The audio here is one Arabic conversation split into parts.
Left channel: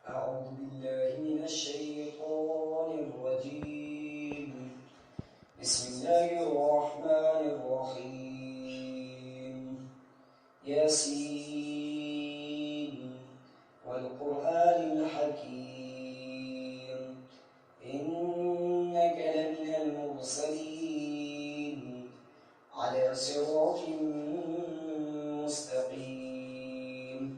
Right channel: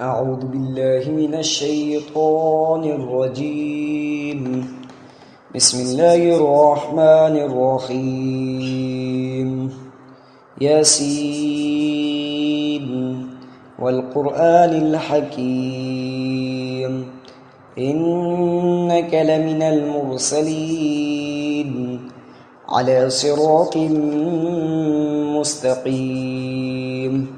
أعوذ بالله من الشيطان الرجيم. بسم الله الرحمن الرحيم. ياسين والقرآن الحكيم إنك لمن المرسلين على صراط مستقيم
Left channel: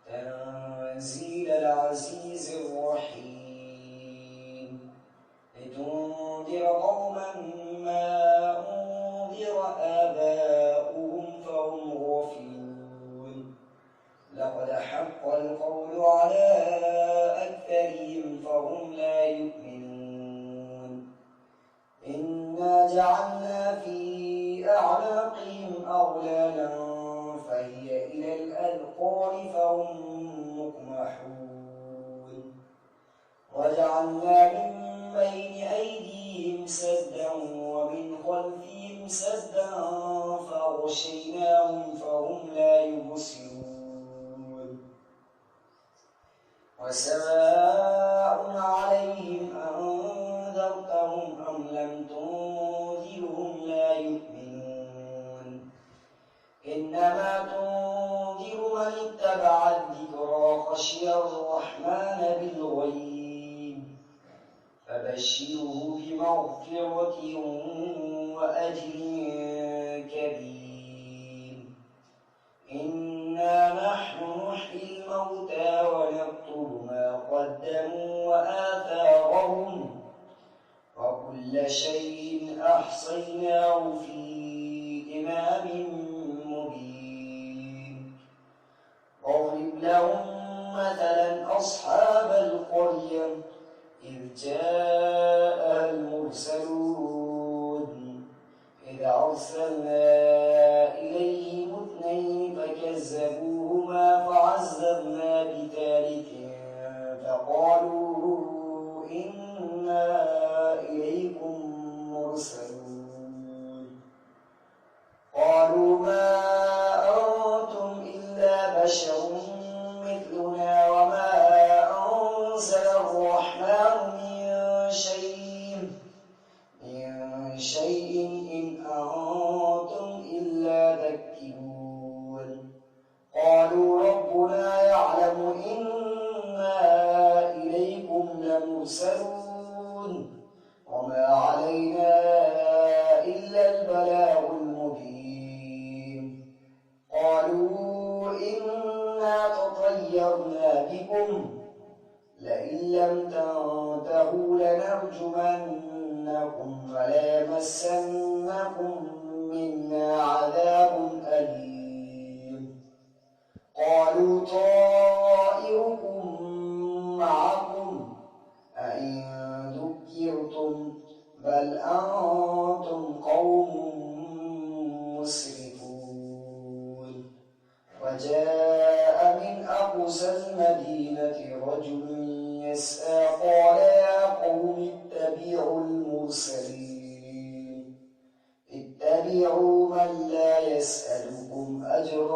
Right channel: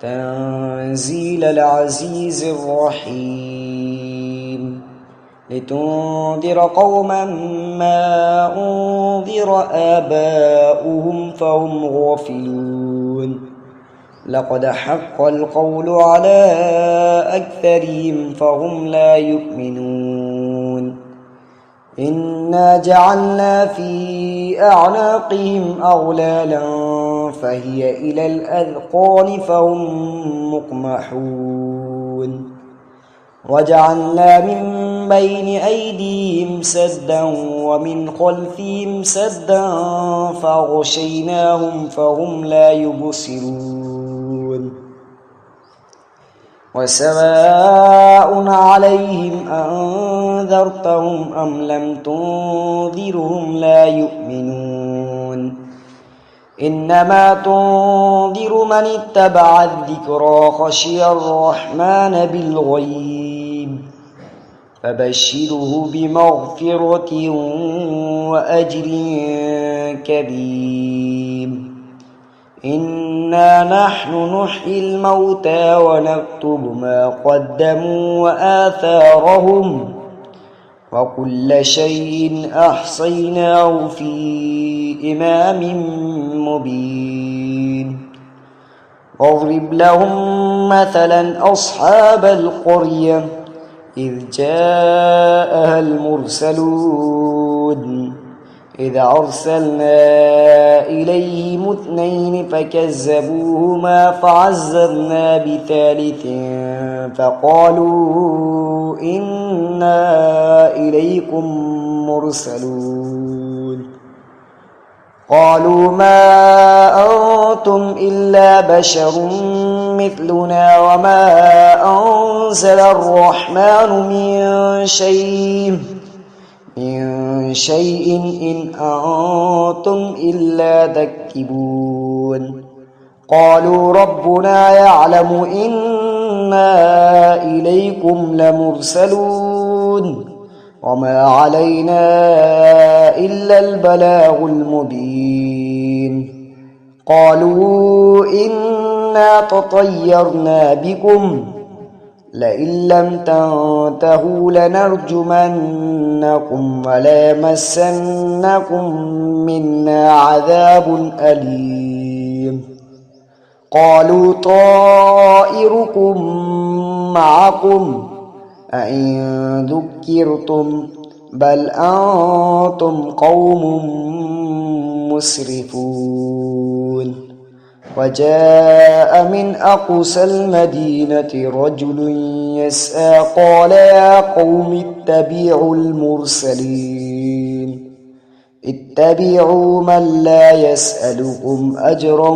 تنزيل العزيز الرحيم لتنذر قوما ما أنذر آباؤهم فهم غافلون لقد حق القول على أكثرهم فهم لا يؤمنون إنا جعلنا في أعناقهم أغلالا فهي إلى الأذقان فهم مقمحون وجعلنا من بين أيديهم سدا ومن خلفهم سدا فغشيناهم فهم لا يبصرون وسواء عليهم أنذرتهم أم لم تنذرهم لا يؤمنون إنما تنذر من اتبع الذكرى خشي الرحمن بالغيب فبشره بمغفرة وأجر كبير إنا نحن نحيي الموتى ونكتب ما قدموا وآثارهم وكل شيء أحصيناه في إمام مبين واضرب لهم مثلا أصحاب القرية إذ جاءها المرسلون إذ أرسلنا إليهم 2 فكذبوهما فعززنا بثالث فقالوا إنا إليكم مرسلون قالوا ما أنتم إلا بشر مثلنا وما أنزل الرحمن من شيء إن أنتم إلا تكذبون قالوا ربنا يعلم إنا إليكم لمرسلون وما علينا إلا البلاغ المبين قالوا إنا تطيرنا بكم لئن لم تنتهوا لنرجمنكم وليمسنكم منا عذاب أليم قالوا طائركم معكم أئن ذكرتم بل أنتم قوم مسرفون وجاء من أقصى المدينة رجل يسعى قال يا قوم اتبعوا المرسلين اتبعوا من لا يسألكم أجرا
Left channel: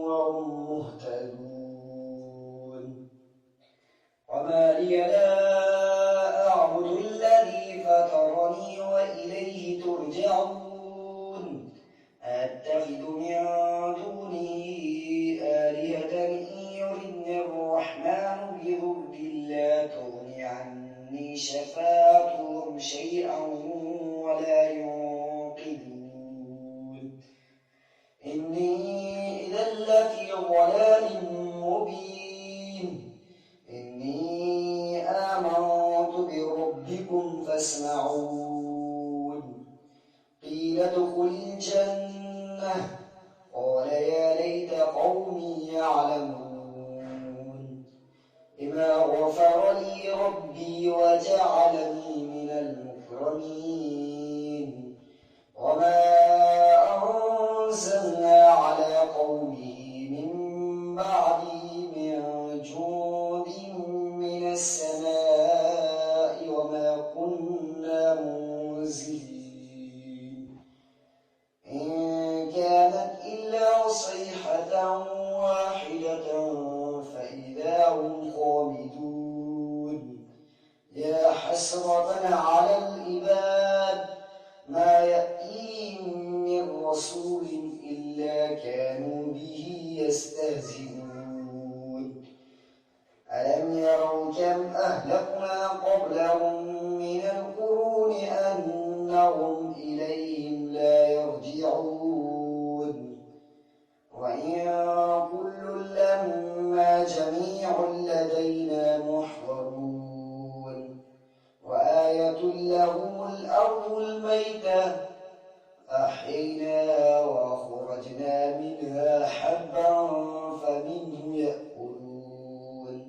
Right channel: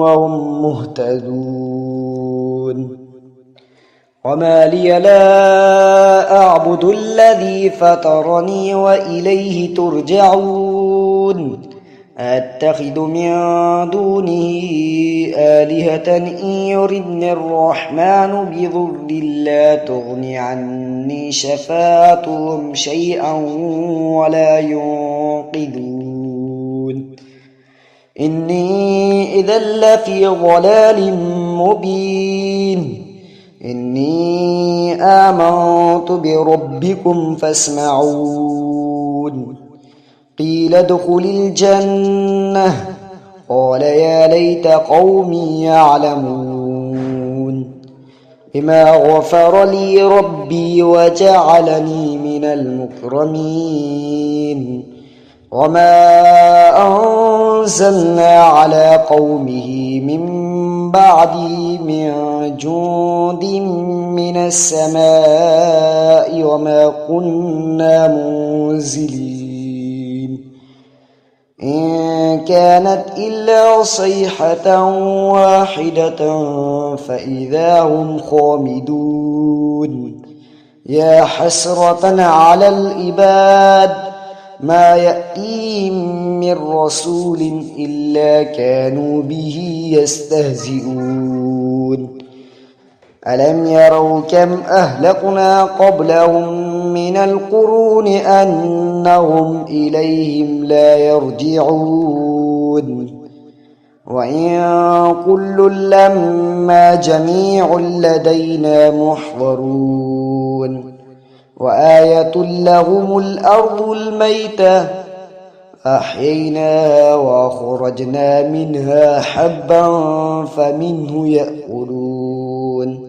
وهم مهتدون وما لي لا أعبد الذي فطرني وإليه ترجعون أتخذ من دونه آلهة إن يردني الرحمن بضر لا تغن عني شفاعتهم شيئا ولا ينقذون إني إذا لفي ضلال مبين إني آمنت بربكم فاسمعون قيل ادخل الجنة قال يا ليت قومي يعلمون بما غفر لي ربي وجعلني من المكرمين وما أنزلنا على قومه من بعده من جند من السماء وما كنا منزلين إن كانت إلا صيحة واحدة فإذا هم خامدون يا حسرة على العباد ما يأتيهم من رسول إلا كانوا به يستهزئون ألم يروا كم أهلكنا قبلهم من القرون أنهم إليهم لا يرجعون وإن كل لما جميع لدينا محضرون وآية لهم الأرض الميتة أحييناها وأخرجنا منها حبا فمنه يأكلون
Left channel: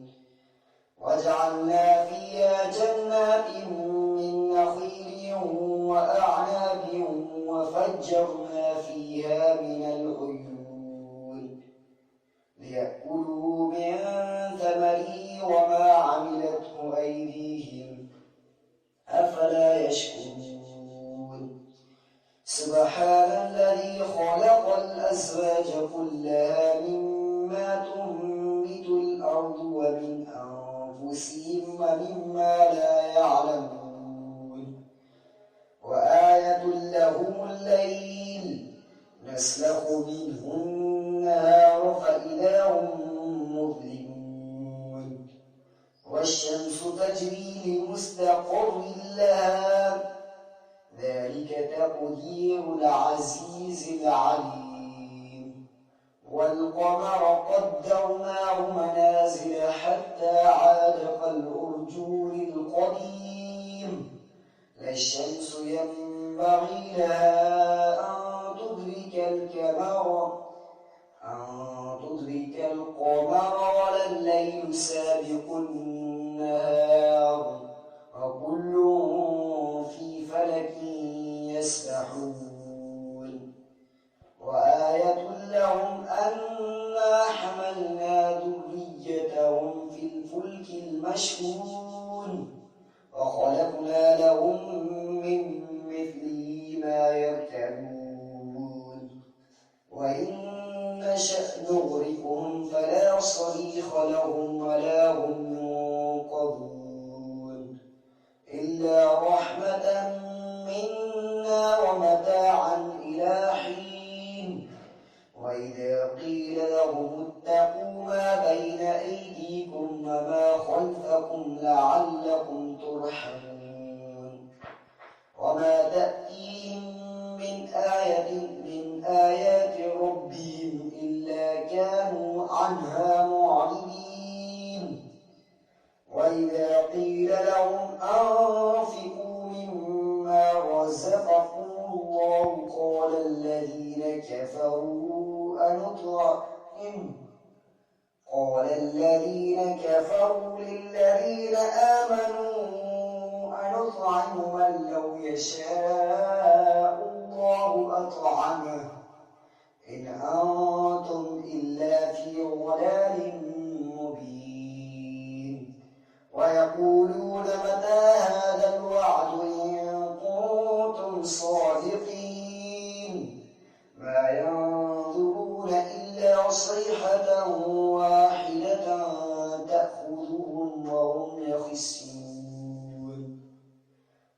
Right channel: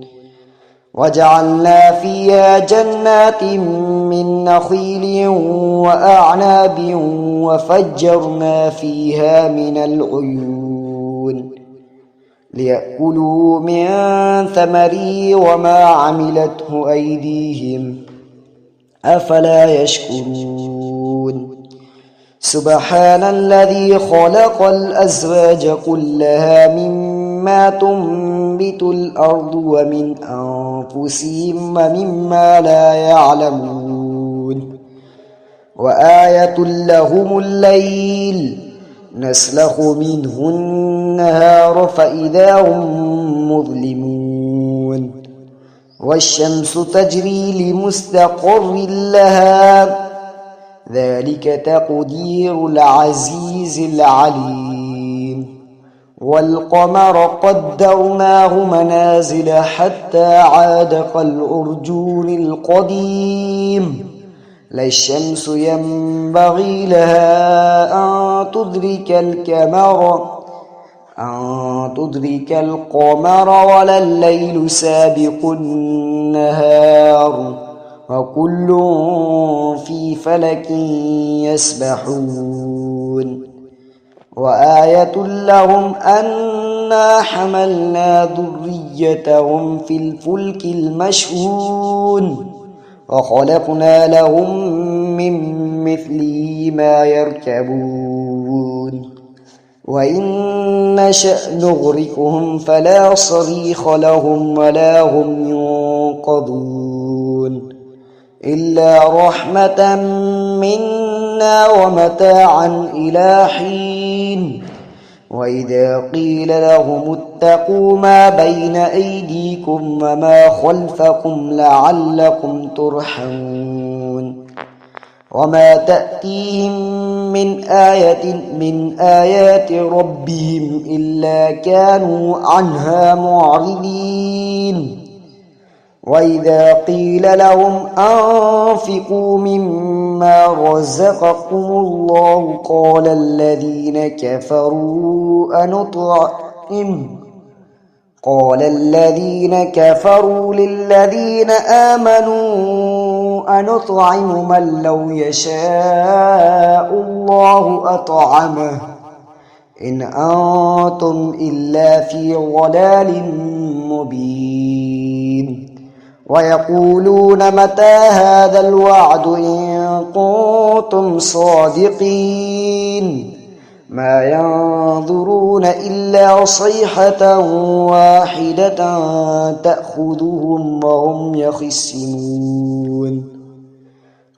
وجعلنا فيها جنات من نخيل وأعناب وفجرنا فيها من العيون ليأكلوا من ثمره وما عملته أيديهم أفلا يشكرون سبحان الذي خلق الأزواج كلها مما تنبت الأرض ومن أنفسهم ومما لا يعلمون وآية لهم الليل نسلخ منه النهار فإذا هم مظلمون والشمس تجري لمستقر لها ذلك تقدير العزيز العليم والقمر قدرناه منازل حتى عاد كالعرجون القديم لا الشمس ينبغي لها أن تدرك القمر ولا الليل سابق النهار وكل في فلك يسبحون وآية لهم أنا حملنا ذريتهم في الفلك المشحون وخلقنا لهم من مثله ما يركبون وإن نشأ نغرقهم فلا صريخ لهم ولا هم ينقذون إلا رحمة منا ومتاعا إلى حين وإذا قيل لهم اتقوا ما بين أيديكم وما خلفكم لعلكم ترحمون وما تأتيهم من آية من آيات ربهم إلا كانوا عنها معرضين وإذا قيل لهم أنفقوا مما رزقكم الله قال الذين كفروا للذين آمنوا أنطعم من لو يشاء الله أطعمه إن أنتم إلا في ضلال مبين ويقولون متى هذا الوعد إن كنتم صادقين ما ينظرون إلا صيحة واحدة تأخذهم وهم يخصمون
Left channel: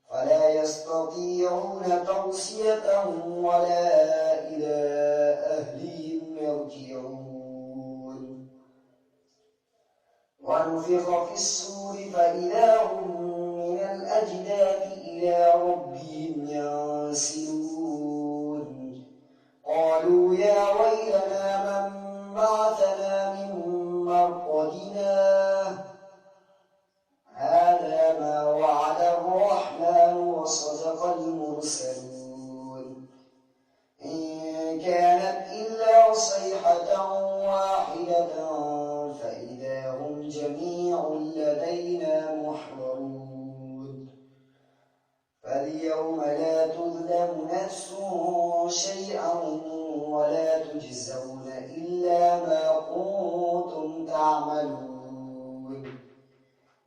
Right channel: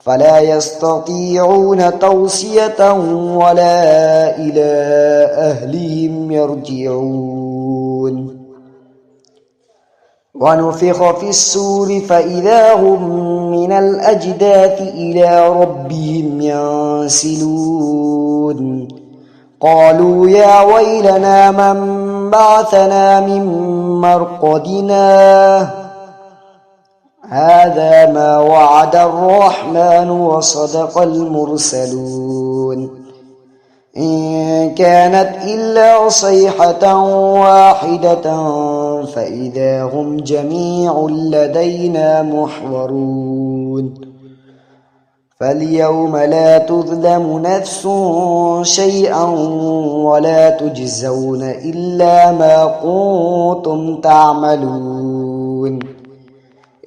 فلا يستطيعون توصية ولا إلى أهلهم يرجعون ونفخ في السور فإذا هم من الأجداث إلى ربهم ينسلون قالوا يا ويلنا من بعثنا من مرقدنا هذا ما وعد الرحمن وصدق المرسلون إن كانت إلا صيحة واحدة فإذا هم جميع لدينا محضرون فاليوم لا تظلم نفس شيئا ولا تجزون إلا ما كنتم تعملون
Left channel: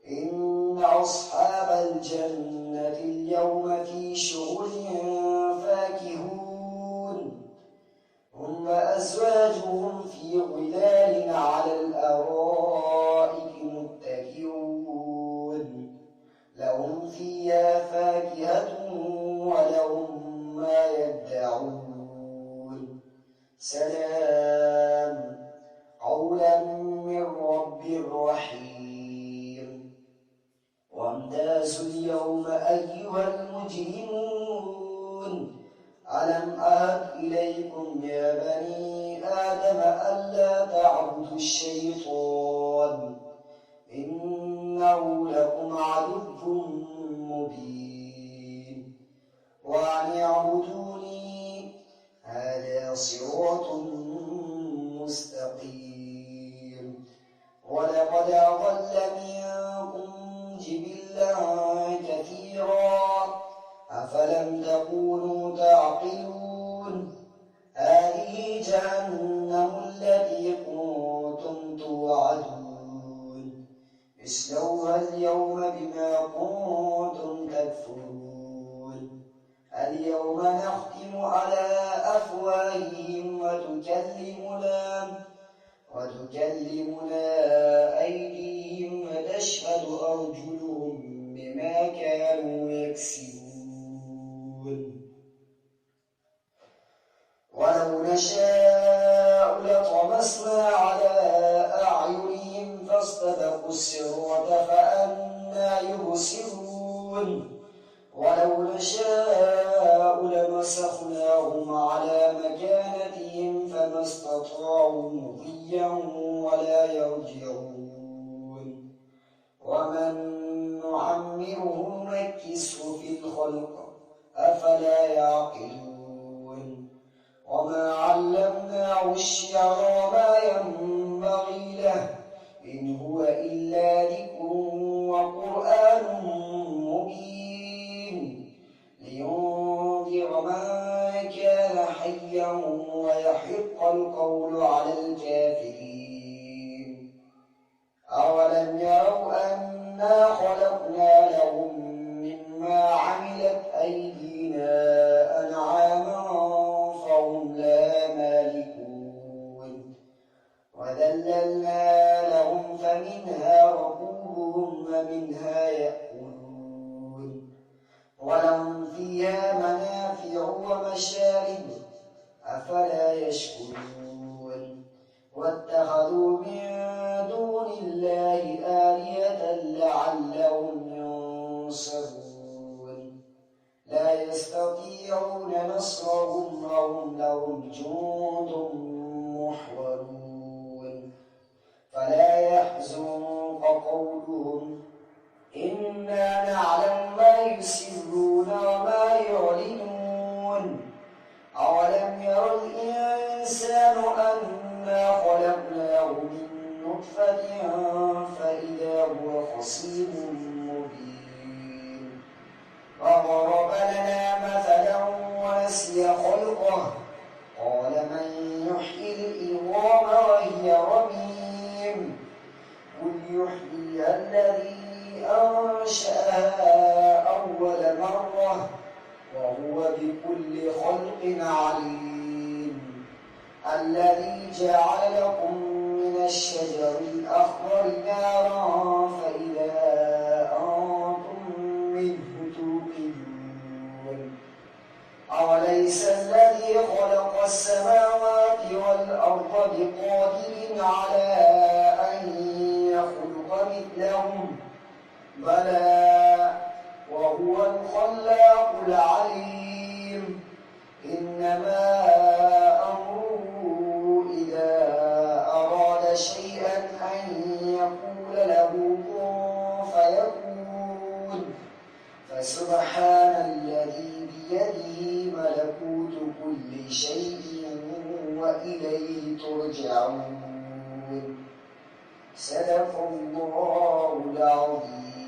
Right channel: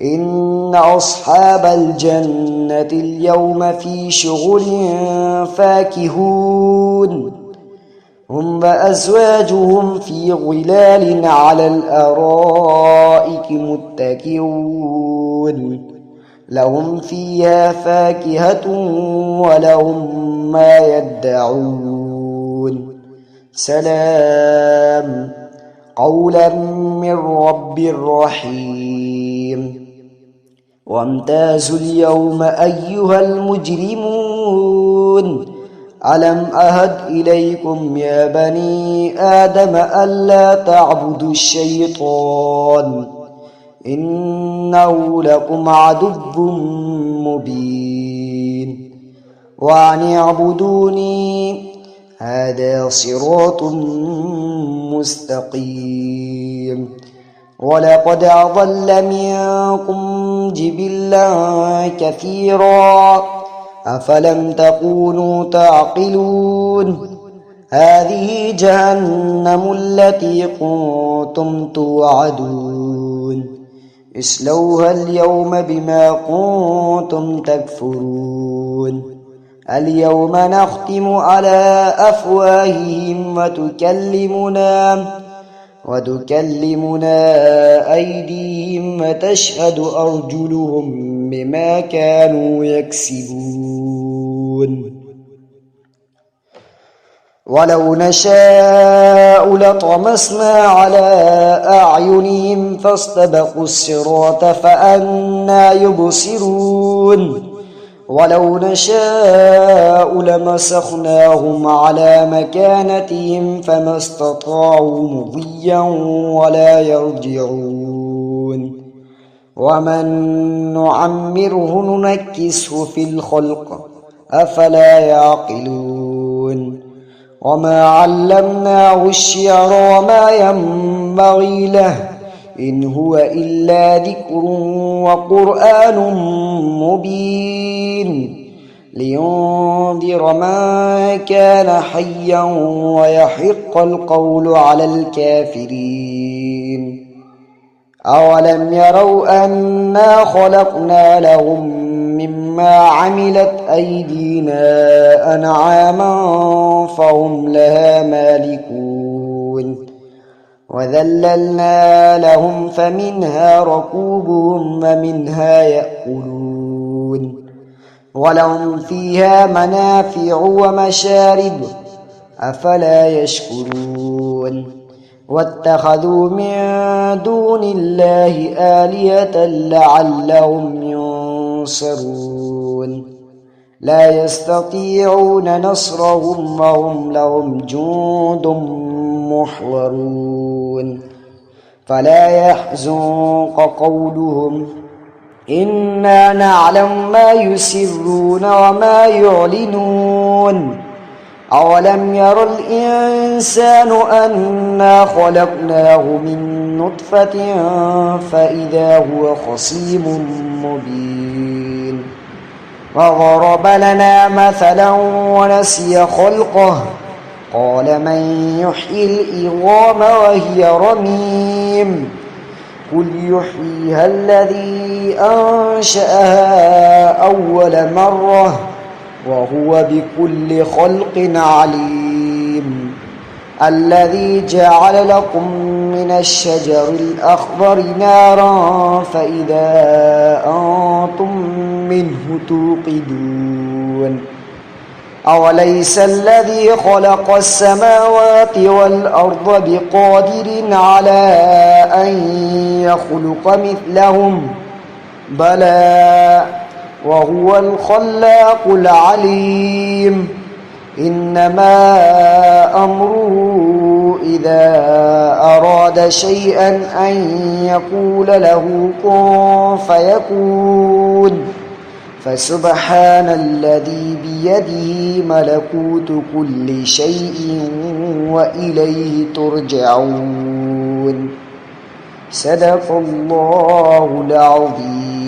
إن أصحاب الجنة اليوم في شغل فاكهون هم وأزواجهم في ظلال على الأرائك متكئون لهم فيها فاكهة ولهم ما يدعون سلام قولا من رب رحيم وامتازوا اليوم أيها المجرمون ألم أهد إليكم يا بني آدم ألا تعبدوا الشيطان إنه لكم عدو مبين وأن اعبدوني هذا صراط مستقيم ولقد أضل منكم جبلا كثيرا أفلم تكونوا تعقلون هذه جهنم التي كنتم توعدون اصلوها اليوم بما كنتم تكفرون اليوم نختم على أفواههم وتكلمنا أيديهم وتشهد أرجلهم بما كانوا يكسبون ولو نشاء لطمسنا على أعينهم فاستبقوا الصراط فأنى يبصرون ولو نشاء لمسخناهم على مكانتهم فما استطاعوا مضيا ولا يرجعون ومن نعمره ننكسه في الخلق أفلا يعقلون وما علمناه الشعر وما ينبغي له إن هو إلا ذكر وقرآن مبين لينذر من كان حيا ويحق القول على الكافرين أولم يروا أنا خلقنا لهم مما عملت أيدينا أنعاما فهم لها مالكون وذللنا لهم فمنها ركوبهم ومنها يأكلون ولهم فيها منافع ومشارب أفلا يشكرون واتخذوا من دون الله آلهة لعلهم ينصرون لا يستطيعون نصرهم وهم لهم جند محضرون فلا يحزنك قولهم إنا نعلم ما يسرون وما يعلنون أولم ير الإنسان أنا خلقناه من نطفة فإذا هو خصيم مبين وضرب لنا مثلا ونسي خلقه قال من يحيي العظام وهي رميم قل يحييها الذي أنشأها أول مرة وهو بكل خلق عليم الذي جعل لكم من الشجر الأخضر نارا فإذا أنتم منه توقدون أوليس الذي خلق السماوات والأرض بقادر على أن يخلق مثلهم بلى وهو الخلاق العليم إنما أمره إذا أراد شيئا أن يقول له كن فيكون فسبحان الذي بيده ملكوت كل شيء وإليه ترجعون صدق الله العظيم.